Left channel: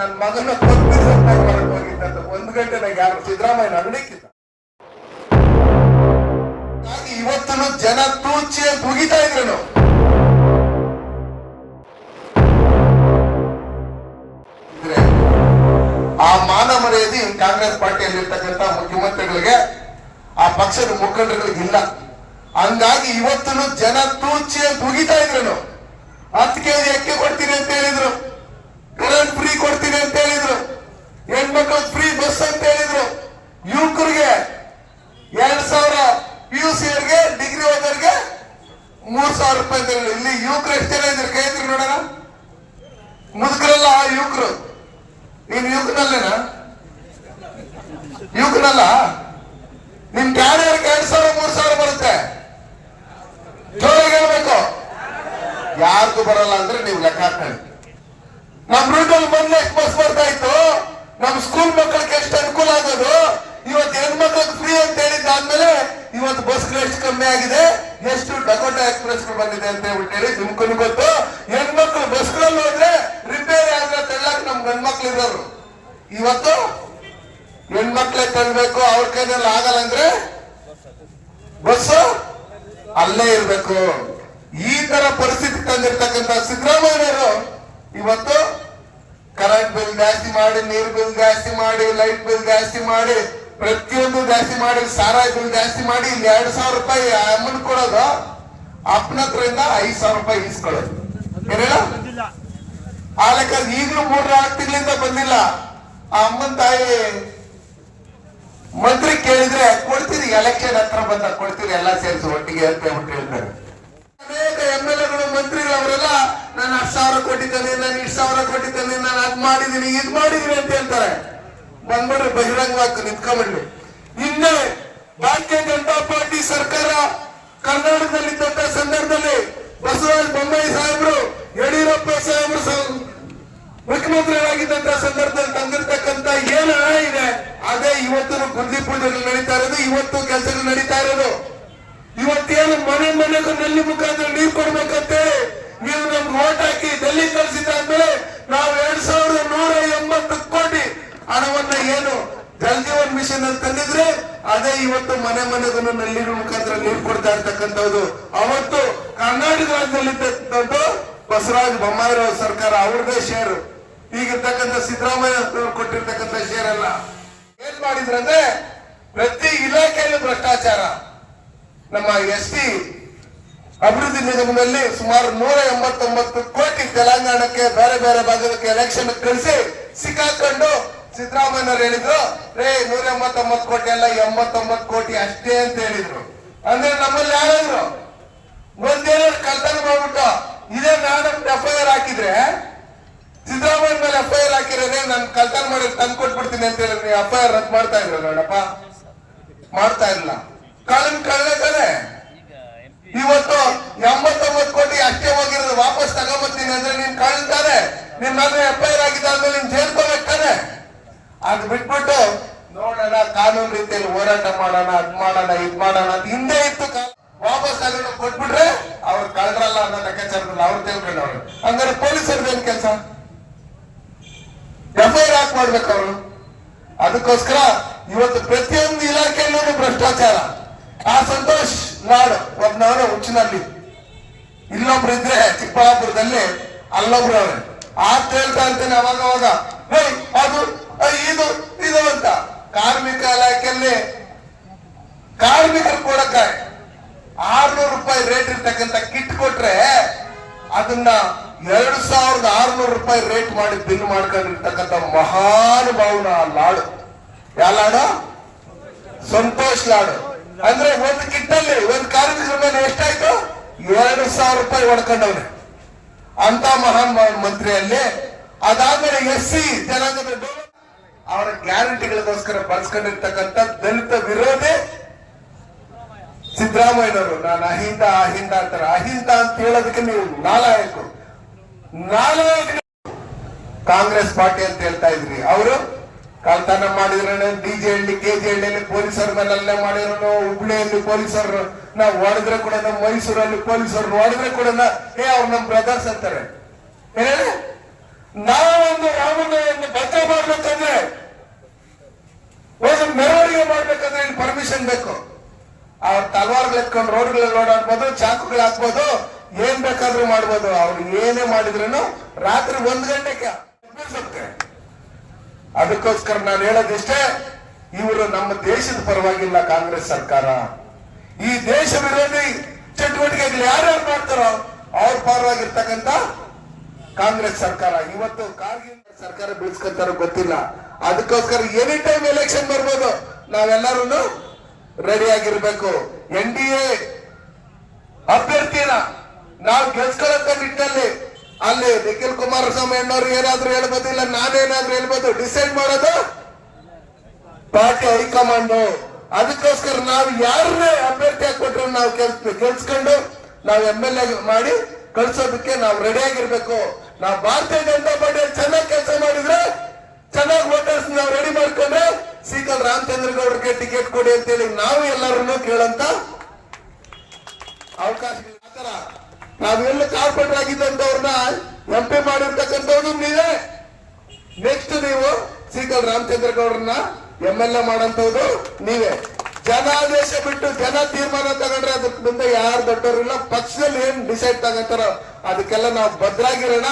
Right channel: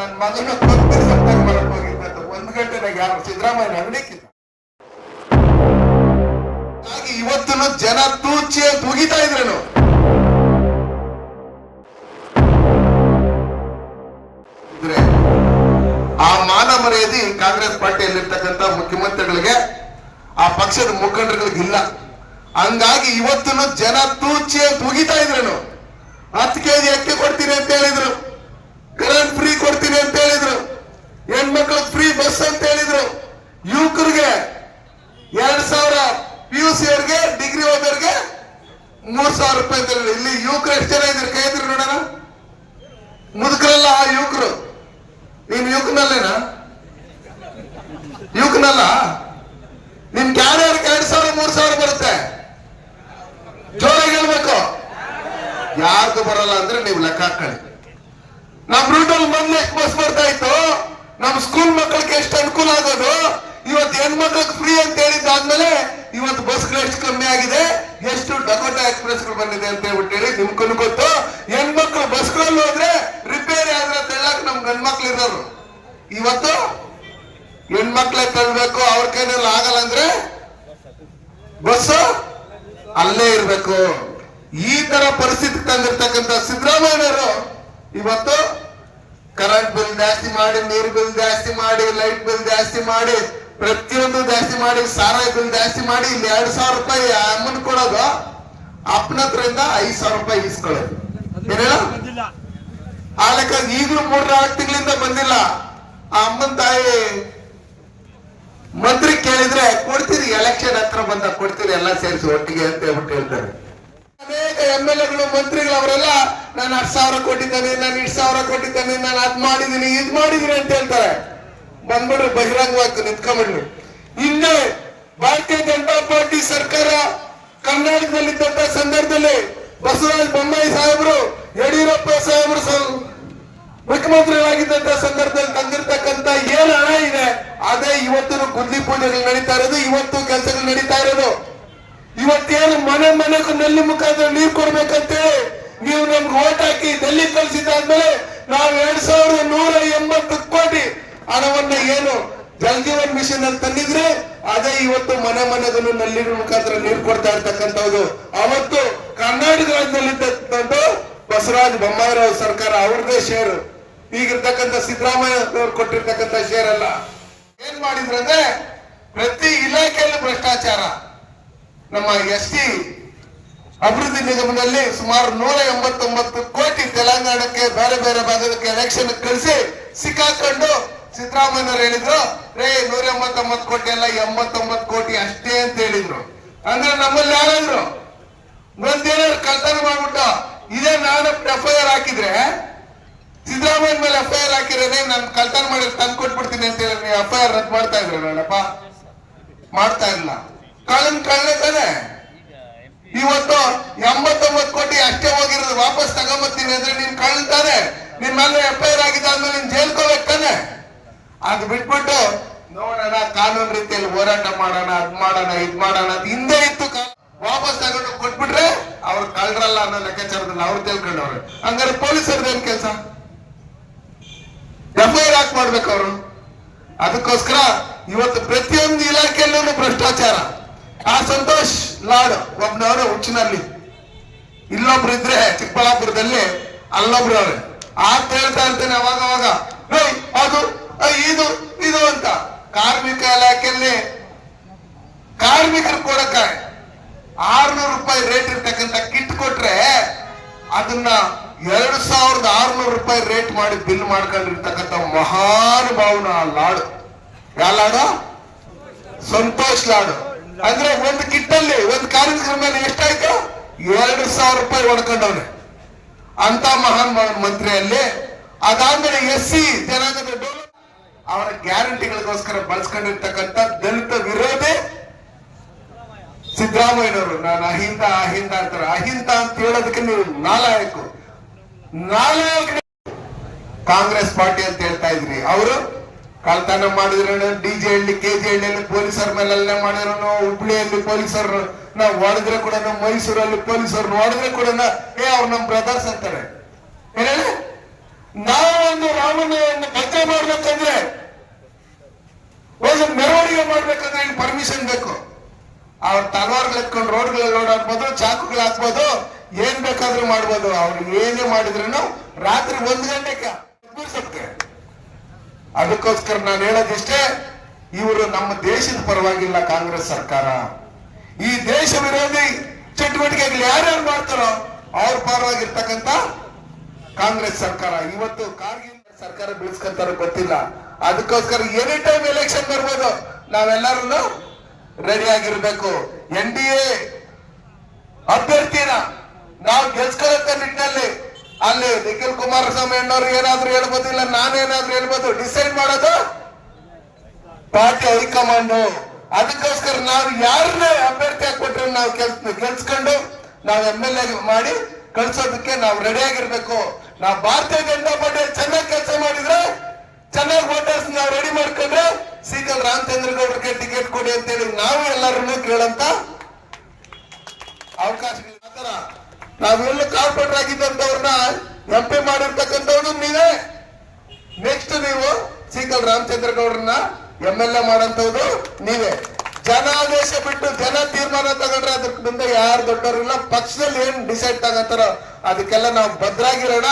ನನ್ನ ಮಗನ ಮಾಡಕ್ ಹೋಗಿದ್ದ 1 ಗಂಟೆನಾಗ ಯಾರು ಸಿದ್ದರಾಮಯ್ಯ ನಗಡಿಕ್ಕಿದ್ದ. ಹಾಗಾಗಿ ಇವತ್ತು ಜನ ತೂಚಿ ಮುಗಿತಾ ಇದ್ರೇನು ಆ ಮಾನ ಮರ್ಯಾದೆ ಕಾಂಗ್ರೆಸ್ ಪಾರ್ಟಿಯಲ್ಲಿರ್ತಕ್ಕಂಥ ಮುಖ್ಯಮಂತ್ರಿಗಳಿಗೆ ಆ ಪಕ್ಷದ ಮುಖಂಡರುಗಳಿಗೆ ಇಲ್ಲ. ಹಂಗಾಗಿ ಇವತ್ತು ಜನ ತೂಚಿ ಮುಗಿತಾ ಇದ್ರೇನು 10 ಕೆಜಿ ಅಕ್ಕಿ ಕೊಡ್ತೀನಿ ಅಂತ ಹೇಳಿದ್ರು, ಕರೆಂಟ್ ಫ್ರೀ ಕೊಡ್ತೀನಿ ಅಂತ ಹೇಳಿದ್ರು, ಹೆಣ್ಮಕ್ಳಿಗೆ ಫ್ರೀ ಬಸ್ ಅಂತ ಹೇಳಿದ್ರು, ಯುವಕರಿಗೆ 2000 PUC ಅವ್ರಿಗೆ ಡಿಗ್ರಿ ಹೋದವ್ರಿಗೆ 3000 ರೂಪಾಯಿ ಅಂತ ಹೇಳಿ. ಇಲ್ಲಿ ಯುವಕರು ಎಷ್ಟು ಜನ ಇದ್ರು ಕೈ ಇದ್ರು ನೋಡೋಣ. ಮುದುಕರಲ್ಲ ಆ ಯುವಕರು. ನೀನ್ ಯುವಕನಲ್ಲೇನಾ? ಯುವಕನಲ್ಲ. ನಿನ್ ಕ್ಯಾರಿಯರ್ಗೆ 2000 3000 ಬರುತ್ತೆ. ಜೋರಾಗಿ ಹೇಳ್ಬೇಕು. ಯಾರ್ದು ಬರಲ್ಲ ಅಂದ್ರೆ ನೀವು ಲೆಕ್ಕ ಹಾಕೊಳ್ಳಿ. ನಮ್ ರೂಟಲ್ಲಿ ಮೊನ್ನೆ ಎಷ್ಟು ಬಸ್ ಬರ್ತಾ ಇತ್ತು, ನಮ್ ಸ್ಕೂಲ್ ಮಕ್ಕಳಿಗೆ ಎಷ್ಟು ಅನುಕೂಲ ಆಗೋದು. ಇವತ್ತು ಹೆಣ್ಮಕ್ಳಿಗೆ ಫ್ರೀ ಅಂತ ಹೇಳಿದ್ದಾದ್ಮೇಲೆ ಇವತ್ತು ಬಸ್ಗಳು ಎಷ್ಟು ಕಮ್ಮಿ ಆಗಿದೆ, ಎಷ್ಟು ಡಕೋಟಾ ಎಕ್ಸ್ಪ್ರೆಸ್ ಗಳು ಬಂದಿದೆ ಅಂತ ಹೇಳ್ಬಿಟ್ಟು ನಿಮ್ಗೂ ಗೊತ್ತು. ಹೆಣ್ಮಕ್ಳು ಬಸ್ಗಳಲ್ಲಿ ಹೋದ್ರೆ ರಿಪೇರಿ ಆದ್ರೆ ತೆಳ್ಳಕ್ ನಮ್ ಗಂಡ್ಮಕ್ಳು ಇರೋರು. ಇವತ್ತು ಹೆಣ್ಮಕ್ಳೇ ತರಬೇಕು, ಅವ್ರ ಕೈನಲ್ಲಿ ಆಗಲ್ಲ ಅಂದ್ರೆ ಬಸ್ ಅಲ್ಲೇ ಇರ್ಬೇಕು. ಈ ತರ ಪರಿಸ್ಥಿತಿ ತಂದಿರ್ತಕ್ಕಂಥ ಸಿದ್ದರಾಮಯ್ಯವರು ಇವತ್ತು ಕರೆಂಟ್ ಬಿಲ್ ಜಾಸ್ತಿ ಮಾಡಿ, ನೀರು ಬಿಲ್ ಜಾಸ್ತಿ ಮಾಡಿ, ಲೈಟ್ ಬಿಲ್ ಜಾಸ್ತಿ ಮಾಡಿ, ಪ್ರತಿಯೊಂದು ಜಾಸ್ತಿ ಮಾಡಿ, ಸಾರಾಯಿ ಬಿಲ್ ಜಾಸ್ತಿ ಮಾಡಿ, ಇಲ್ಲಿ 2000 ರೂಪಾಯಿ ಅಮೌಂಟ್ ಕೊಡೋದು, ಅಪ್ಪನದ್ರಿಂದ 5000 ರೂಪಾಯಿ ಇಸ್ಕೊಳ್ಳೋದು. ಏನೇಳ ಆ ಲೆಕ್ಕ ಈಗಲೂ 3-4 ತಿಂಗಳಿಂದ ಬಂದಿಲ್ಲ. ಆ ಅಮ್ಮನ ತಾಯಿ ಮಂತ್ರಿ ಕೇಳಿದ್ರೆ ಕೊಡ್ತೀರಿ, ಎಲೆಕ್ಷನ್ ಹತ್ರ ಬಂದಾಗ ಕೊಡ್ತೀರಿ, ಎಲ್ಲ ಸೇರಿಸಿ ಒಟ್ಟಿಗೆ ಅಂತ ಹೇಳ್ಬಿಟ್ಟು ಹೇಳ್ತಾರೆ. ಅನೇಕ MLA ಗಳು ಮಂತ್ರಿಗಳು ಅವರೆಲ್ಲ ನಾನು 10,000 ಕೊಟ್ಟಿದ್ದಾನೆ, ನಾನು 2,000 ಕೊಟ್ಟಿದ್ದಾನೆ, ನಾನು ಅದ್ ಮಾಡಿದೀನಿ ಇದ್ ಮಾಡಿದೀನಿ ಅಂತ ಹೇಳ್ತಾರೆ. ಬಂದ್ಬಿಡ್ರಿ ಬಹಿರಂಗವಾಗಿ ನಿಂತ್ಕೊಂಡ್ಬಿಡ್ರಿ. ಹಿಂದೆ ಭಾರತೀಯ ಜನತಾ ಪಾರ್ಟಿ ಸರ್ಕಾರ ಕರ್ನಾಟಕದಲ್ಲಿದ್ದಂತ ಸಂದರ್ಭದಲ್ಲಿ ಬಸವರಾಜ ಬೊಮ್ಮಾಯಿ ಸಾಹೇಬರು, ಯಡಿಯೂರಪ್ಪ ಸಾಹೇಬರು ಮುಖ್ಯಮಂತ್ರಿಗಳಾಗಿದ್ದಂತ ಸಂದರ್ಭದಲ್ಲಿ ತಂದಿರ್ತಕ್ಕಂಥ ಏನು ಹಣ ಇದೆ ಅದೇ ಇವತ್ತು ಗುದ್ಲಿ ಪೂಜೆಗಳು ನಡೀತಾ ಇರೋದು, ಇವತ್ತು ಕೆಲಸಗಳು ನಡೀತಾ ಇರೋದು. ಇವತ್ತೇನು ಮನೆ ಮನೆಗೂ ನಲ್ಲಿ ಮುಖಾಂತರ ನೀರು ಕೊಡ್ಬೇಕಂತೇಳಿ ನೀವು ನಮ್ಗೆ ಓಟ್ ಹಾಕಿ ಡೆಲ್ಲಿ ಕಳಿಸಿದಾದ್ಮೇಲೆ ನಾವು 2180 ಕೋಟಿ ಹಣವನ್ನ ಏನು ಜಲ್ ಜೀವನ್ ಮಿಷನ್ ಅಂತ ತಂದಿದ್ರೆ ಅದೇ ಇವತ್ತು ಮನೆ ಮನೆಗೂ ನಲ್ಲಿ ಮುಖಾಂತರ ನೀರು ಕೊಡ್ತಾ ಇರ್ತಕ್ಕಂಥದ್ದು. ಅವತ್ತು ಕರ್ನಾಟಕ ರಾಜ್ಯದಲ್ಲಿದ್ದಂತ ಬಸವರಾಜ ಬೊಮ್ಮಾಯಿ ಸರ್ಕಾರ ಅವ್ರದೇ ಶೇರು, ಈಗಿರ್ತಕ್ಕಂಥ ಸಿದ್ದರಾಮಯ್ಯ ಅವರು ಕೊಟ್ಟಿರ್ತಕ್ಕಂಥ ಶೇರ್ ಅಲ್ಲ. ಏನ್ ಮಾಡಿದ್ರಂದ್ರೆ ಪ್ರತಿ ಇಲಾಖೆಯಲ್ಲೂ ಭ್ರಷ್ಟಾಚಾರ. ನಮ್ಮ ST ಅಭಿವೃದ್ಧಿ ನಿಗಮದಲ್ಲಿ ಸುಮಾರು 189 ಕೋಟಿ ತೆಲಂಗಾಣಕ್ಕೆ ಬೇರೆ ಬೇರೆ ಭಾಗಕ್ಕೆ ಎಲೆಕ್ಷನ್ ಕಳಿಸಿ ಸಿಕ್ಕಾಕೊಂಡು ಸಿದ್ದರಾಮಯ್ಯನವರು ಹೇಳಿದ್ರು, 189 ಕೋಟಿ ಅಲ್ಲ 89 ಕೋಟಿ ಅಷ್ಟೇ ಅಂತ ಹೇಳಿದ್ರು. ಅಂದ್ರೆ ನಮ್ಮಲ್ಲಿ ಯಾರಾದ್ರು ಒಂದೇನಾದ್ರು ಕಳ್ತನ ಮಾಡ್ಬಿಟ್ಟು ಇದೇ ನಾನು FIR ಹಾಕಿದ್ರೆ ಸಿದ್ದರಾಮಯ್ಯ ಮೇಲೆ FIR ಹಾಕಿರೋದೇ ನಾನು ಕಳ್ತನ ಮಾಡಿ ತಂದು ಕೊಟ್ಬಿಡ್ತೀನಿ ಅಂತ ಹೇಳಿ ನೀವು FIR ರದ್ದು ಮಾಡ್ತಾ ಇದ್ರ ನೋಡಪ್ಪ? ಮಾಡ್ತಾ ಇಲ್ಲ. ಕಳ್ಳೆ ತಾನೆ. ಇವತ್ತು 89 ಕೋಟಿ ಅಷ್ಟೇ ಹೋಗಿರೋದು ವಾಪಸ್ ತಗೊಂಬತ್ತೀನಿ ಅಂದ್ರೆ ನೀನ್ ಕಳ್ತಾನೆ, ನಿನ್ ಮೇಲೆ FIR ಆಗಿದ್ದಾದ್ಮೇಲೆ ನೀನ್ ಜೈಲ್ಕೋಬೇಕು ತಾನೆ. ಅದು ಬಿಟ್ಬಿಟ್ಟು ನೋಡೋಣ ಕಾನೂನು ರೀತಿಯಲ್ಲಿ ಹೋರಾಟ ಮಾಡೋಣ, ಅದ್ ಮಾಡೋಣ ಇದ್ ಮಾಡೋಣ ಅದು ಹಿಂದೆ ಇತ್ತು. ವಾಪಸ್ ತಗೊಂಡು ಕೊಟ್ಬಿಟ್ರೆ ಅವ್ರು ಕಳ್ರಲ್ಲ ಅನ್ನೋ ಲೆಕ್ಕಾಚಾರದಲ್ಲಿ ಅವ್ರು ತಿಳ್ಕೊಂಡವ್ರು. ಹಂಗಾರೆ ಪೊಲೀಸರದ್ದು ಏನ್ ಕೆಲಸ? FIR ಹಾಕಿ ಮಾಡ್ಬೇಕು ಅವರು. ಅದಕ್ಕೋಸ್ಕರ ಇವತ್ತು ಪ್ರತಿಯೊಂದು ಇಲಾಖೆಯಲ್ಲೂ ಭ್ರಷ್ಟಾಚಾರ. ಆ ಸಂತೋಷ್ ಲಾಡ್ ಒಬ್ನವ್ರೆ ಹುಚ್ಚಿನಲ್ಲಿ, ಇಲ್ಲೊಬ್ರು ಇದ್ರೆ ಚಿಕ್ಕಬಳ್ಳಾಪುರದಲ್ಲಿ, ಅಲ್ಲೊಬ್ರು ಅವ್ರೆ ಹೇಳ್ತಾ ಇರ್ತಾನೆ ಅವಾಗ ಅದು ಇದು ಇದು ಅಂತ. ಕಾರ್ಮಿಕ ಇಲಾಖೆಯಲ್ಲಿ ಕಾರ್ಮಿಕರು ಕೊಡಕ್ಕೆ 600 ರೂಪಾಯಿ ರೇಟ್ ಇರ್ತಕ್ಕಂಥ ಕಿಟ್ ಕೊಟ್ರೆ ಅದನ್ನ 2600 ರೂಪಾಯಿ ರೇಟ್ ಮಾಡಿ ಬಿಲ್ ಮಾಡ್ಕೊಂಡಿರ್ತಕ್ಕಂಥ ಮಹಾನುಭಾವನ ಲಾಡು. ಯಾವ ಲಾಡು? ಸಂತೋಷ್ ಲಾಡು. ಅಂದ್ರೆ ಒಂದು ಕಿಟ್ಟಲ್ಲಿ ಒಂದು ಕಾರ್ಮಿಕರ ಮೇಲೆ ಎಷ್ಟಾಯ್ತು? 2000 ರೂಪಾಯಿ ಹೊಡ್ಕೊಂಡವ್ರೆ ಅಂತ ಮಹಾನ್ ಮಂತ್ರಿಯಲ್ಲಿ. ಅದಾದ್ಮೇಲೆ SC ಜನಾಂಗದ ಅವರ ಗ್ಯಾರಂಟಿಗಳಿಗೋಸ್ಕರ ಬಳಸ್ಕೊಂಡಿರ್ತಕ್ಕಂಥ ದಲಿತ ವಿರೋಧಿ ಸಿದ್ದರಾಮಯ್ಯನವರು. ನಾನು ಅಹಿಂದ ಅಂತಾರೆ. ಅಹಿಂದ ಅಂತ ಹೇಳೋದಕ್ಕೆ ನೀವು ನಾಲಾಯಕ ಕಾಂಗ್ರೆಸ್ ಪಾರ್ಟಿ ಅಂತ ಹೇಳ್ತಾ ಇದ್ರಿ. ಅವರು ಕಳ್ತನ ಮಾಡಿದ್ರು, DJ ಹಳ್ಳಿ KG ಹಳ್ಳಿಯಲ್ಲಿ ಪೊಲೀಸರ ಮೇಲೆಲ್ಲ ಮಾಡಿರೋನು, ಹುಬ್ಳಿಯಲ್ಲಿ ಪೊಲೀಸರು ನಾವು ಹೊಡೆದ್ರೆ ಕೂಡ, ಮೈಸೂರಲ್ಲಿ ಪೊಲೀಸರು ಹೊಡೆದ್ರೆ ಕೂಡ ಅವ್ರು ನಮ್ ಬ್ರದರ್ಸ್ ಅಂತಾರೆ. ನಾವು ಒಂದು ರಾಮನ ಒಂದು ಭಜನೆ ಮಾಡ್ಬೇಕಂದ್ರೆ ಒಂದು ಮೆರವಣಿಗೆ ಮಾಡ್ಬೇಕಂದ್ರೆ ಇಲ್ಲಿ ಪರ್ಮಿಷನ್ ಬೇಕು. ಅವ್ರ ತಲವಾರ್ಗಳು ಎತ್ಕೊಂಡು ರೋಡ್ಗಳಲ್ಲಿ ಓಡಾಡ್ಬೋದು, ಚಾಕುಗಳು ಹಾಕ್ಬೋದು, ಏನ್ ಬೇಕಾದ್ರೂ ಮಾಡ್ಬೋದು. ಅವ್ರು ಏನೇ ಮಾಡಿದ್ರು ರಾತ್ರಿ 1 ಗಂಟೆಗೆ ಎಬ್ಬಿಸುತ್ತೆ. ಅದಕ್ಕೋಸ್ಕರ ನಾನು ಹೇಳೋದಿಷ್ಟೇ, ಇವರು ನಮ್ಮ ದೇಶದ ಪರವಾಗಿಲ್ಲ ಕಾಂಗ್ರೆಸ್ ಸರ್ಕಾರ. ಈ ದೇಶ ವಿರೋಧಿ ಚಟುವಟಿಕೆಗಳು ಯಾರ್ಯಾರು ಮಾಡ್ತಾರೋ ಅವ್ರ ಪರವಾಗಿರ್ತಕ್ಕಂಥ ಕಾಂಗ್ರೆಸ್ ಸರ್ಕಾರ. ಇವತ್ತು ಕಾರ್ಗಿಲ್ ಸರ್ಕಾರ ಬೀಳ್ಸ್ಕೊಂತಾರ ಗೊತ್ತಿಲ್ಲ. ಅದಕ್ಕೋಸ್ಕರ ಎನಿ ಟೈಮ್ ಎಲೆಕ್ಷನ್ ಬರ್ಬೋದು, ನಾವೆಲ್ಲರೂ ರೆಡಿ ಆಗಿರ್ಬೇಕು. NDA ಅಭ್ಯರ್ಥಿನ ನಾವು ಗೆಲ್ಸ್ಕೊಳ್ಳೋ ನಿಟ್ಟಿನಲ್ಲಿ ಅಲ್ಲಿ ನಿಖಿಲ್ ಕುಮಾರಸ್ವಾಮಿ ಅಣ್ಣವ್ರು ಏನಾದ್ರು ಹೇಳ್ಬೋದಿಲ್ಲ, ನಾನೇನಾದ್ರೂ ಹೇಳ್ಬೋದು. ಡಿಸೈಡ್ ಮಾಡೋದು ಪಾರ್ಟಿ ಹೈಕಮಾಂಡ್. ಅದಕ್ಕೋಸ್ಕರ ನಾವು ಯಾರನ್ನೇ ಅಭ್ಯರ್ಥಿ ಹಾಕ್ಬಿಟ್ರೆ ನಾವು ಗೆಲ್ಸ್ಕೊಂಡು ನಾವು MLA ಮಾಡಿ ಕಳ್ಸೋದಕ್ಕೆ ನಾವು ರೆಡಿ ಆಗಿರ್ಬೇಕು. ನಾವು ಭಾರತೀಯ ಜನತಾ ಪಾರ್ಟಿ ಚೆನ್ನಾಗಿ ಕೆಲಸ ಮಾಡಿದ್ರೆ, ಚೆನ್ನಾಗಿ ವೋಟರ್ಸ್ ನಾವು ರೆಡಿ ಮಾಡ್ಕೊಂಡ್ರೆ ಸೀಕಲ್ ರಾಮಚಂದ್ರ ಗೌಡ್ರಿಗೆ ಟಿಕೆಟ್ ಕೊಡಿ ಅಂತೇಳಿ ನಾವು ಎಲ್ಲರನ್ನೂ ಕೇಳಂತ ಅವಕಾಶ. ಆತರ ನಾವೆಲ್ಲ ಕಾರ್ಪೊರೇಟರ್ ಆಗಿದ್ದಂತವ್ರನ್ನ MP ಮಾಡಿರ್ತಕ್ಕಂಥವ್ರು ನೀವೇ. ನೆಕ್ಸ್ಟ್ ನೀವು ಸೀಕಲ್ ರಾಮಚಂದ್ರ ಗೌಡ್ರನ್ನ MLA ಮಾಡಂತವ್ರು ನೀವೇ. ಜನಾದೇಶ ಬಿಟ್ಟು ಜನ ತೀರ್ಮಾನ ತಗೊಂಡ್ರೆ ಅದಕ್ಕೆ ಮುಂದೆ ಯಾರು ದೊಡ್ಡವರಿಲ್ಲ. ಪಕ್ಷದಲ್ಲಿ ಏನ್ ಡಿಸೈಡ್ ತಗೋತಾರೋ ಅದಕ್ಕೆಲ್ಲ ನಾವು ಭದ್ರಾಗಿರೋಣ.